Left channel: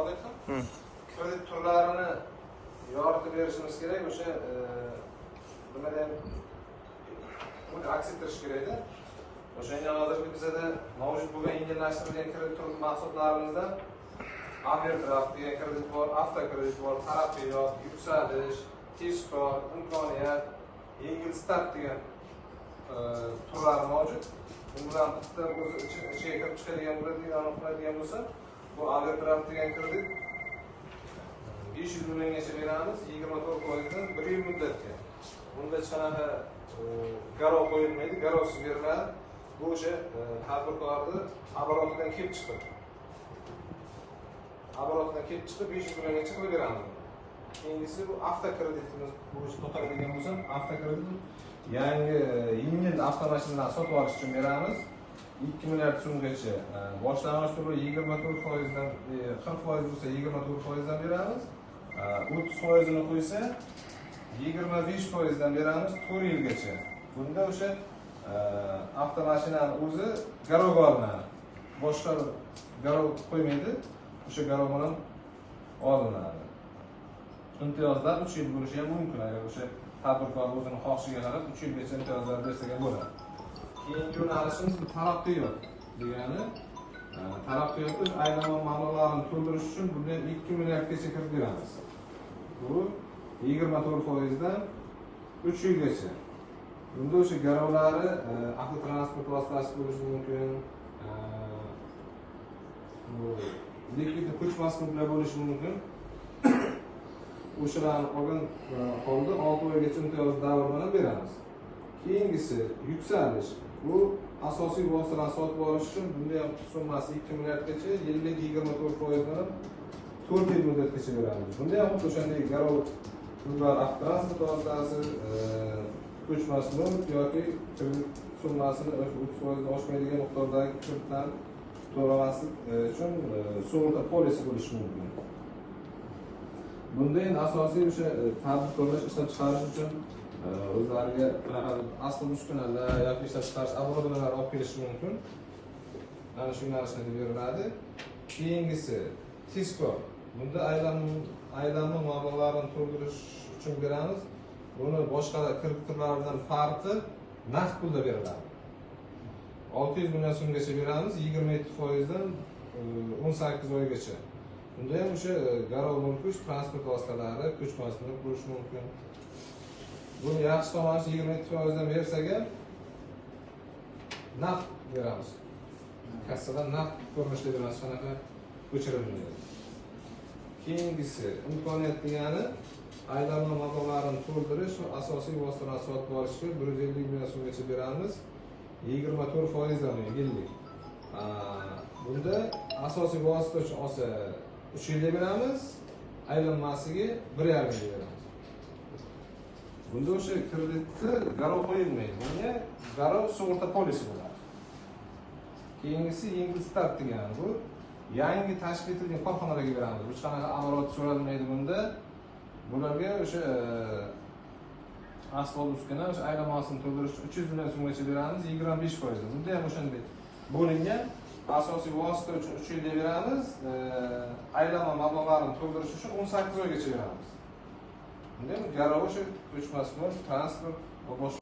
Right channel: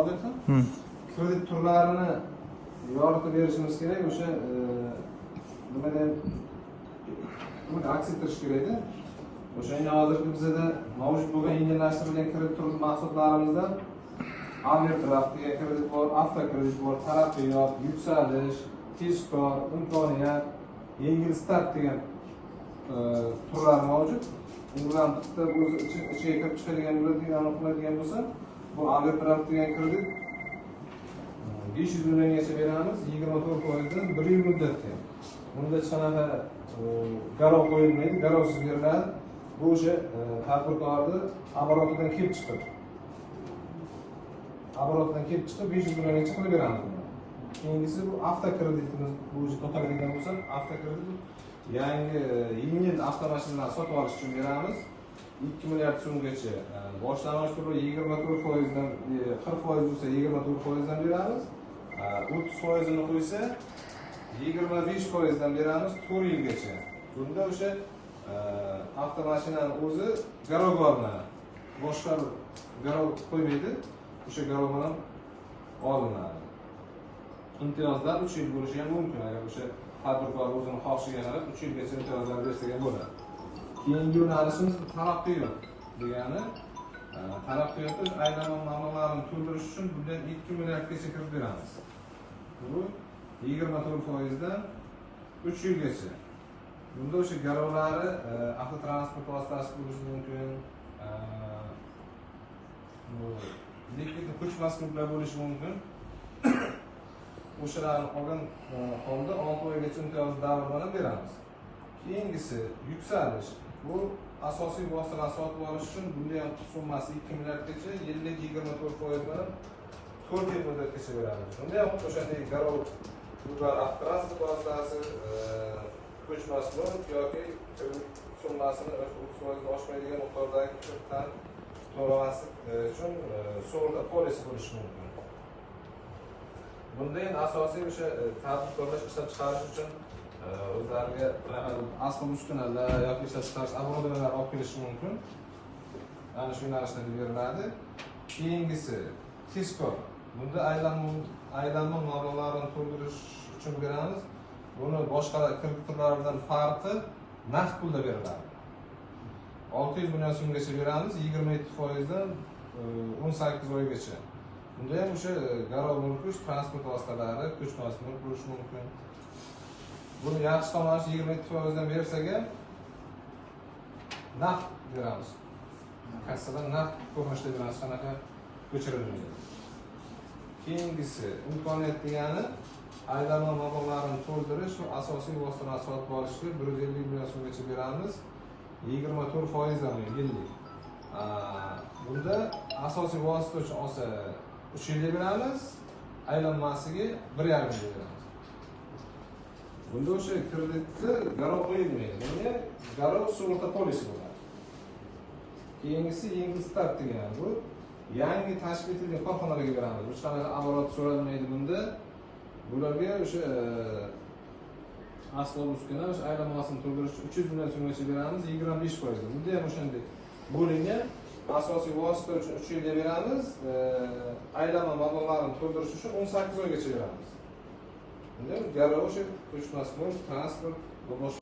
olyapsan. Kredit turlarini yoritib berishimiz kerak. O'sha buni aks ettirish kerak-da. O'shanga hozirgi bizda mavjud bo'lgan yengillashtirilgan kredit turi mahsulotlaridan overdraft degan kredit bor, avtokredit bor, taraqqiyot, yuksalish, tezkor, imkoniyat, yengil start degan turlar mavjud. Ularni bitta o'zi ichiga kirib chiqadigan bo'ladigan aniqlanadigan bo'lsa, bu overdraft degan kredit 500 milliongacha beramiz, 24% dan 1 yil muddatga. Bunda hech qanaqa garov qo'yilmaydi, garovsiz beriladi. Bu o'sha tadbirkorni oborotidan kelib chiqib 500 milliongacha qilib beramiz. Keyingisi bu avtokreditimiz bo'yicha to'xtaladigan bo'lsam, avtokredit yangi yengil avtomashinalarni sotib olish uchun beramiz. 2 milliard so'mgacha. Boshlang'ich turi 24% dan 40% bo'lsa 24% dan beramiz. 30% ni qo'ysa 25% dan beramiz 4 yilgacha. Bunda o'sha avtomashinani o'zi garovga olinadi. Boshqa garov qo'ymaydi. O'sha garov bilan olinadi. Imtiyozlar 3 yil bo'lishi ham mumkin agar o'sha tadbirkor o'zini xohishiga qarab 3 yilgacha imtiyozlar bersa bo'ladi. Keyingi yo'nalishimiz taraqqiyot degani taraqqiyot aylana mablag'larini to'ldirish uchun bunga 2 milliardgacha kirib beramiz. Bu 24% dan 3 yilgacha. Bunda o'sha garovlari avtotransport vositasi bo'lishi mumkin, likvid ko'chmas mulklar bo'lishi mumkin. O'shalarni olgan holda 6 oygacha imtiyoz davr bilan beramiz. Keyingisi yuksalish. Bu asosiy vositalarni sotib olish uchun bunda ham summasi 2 milliardgacha, yillik 24% bilan 4 yil muddatgacha beramiz. Bunda ham o'shanday garov avtotransport vositasi ko'chmas mulk yoki summasini 30% oshmaydigan miqdordagi kreditdan to'lamaslik uchun sug'urta polisi bo'lishi mumkin. Bunda endi asosiy o'sha tadbirkorlar ishlab chiqarish uchun o'zlariga asl uskunalar yoki ishlab chiqarish oborotlari olib kelishi mumkin. Ana shu narsalar beriladi. Keyingisi tezkor. Bunda aylanma mablag'larini to'ldirish uchun beramiz. Buni boshqa kredit turlaridan farqi naqd pulda beriladi. 600 million so'mgacha beramiz, 27% dan 18 oygacha. Bunda ham o'sha garov mulk transport vositalari, ko'chmas mulk bo'lishi mumkin. Buni yaxshi tomoni 27% dan bersak ham naqd beramiz. Kassadan naqd ko'rinishda beramiz, qanaqa ko'chirilmaydi. Keyingisi imkoniyat degani aylanma mablag'larini to'ldirish va asosiy vositalarni sotib olishga 150 million so'mgacha beramiz, 24% dan yillik. Bunda asosiy vosita uchun olsa 3 yilga beramiz, aylanmasiga 1,5 yilga beramiz. Bunda o'sha kreditni garov qo'yilmaydi. Ya'ni garov sug'urta polisi bo'ladi. Keyingisi yengil start degani bu yangi tashkil etilgan korxonalarga beramiz. Hech qanaqa oborot so'ralmaydi bunda. Bularga o'sha asfalt uskuna o'sha aylanmasini to'ldirish 300 million so'mgacha beramiz, 25%. Bunda ham o'shanday bo'lingan asosiy vosita uchun 3 yilga beramiz, aylanma mablag'larini to'ldirish uchun 18 oygacha beramiz. Bunda garov o'sha ko'chmas mulk, transport va boshqa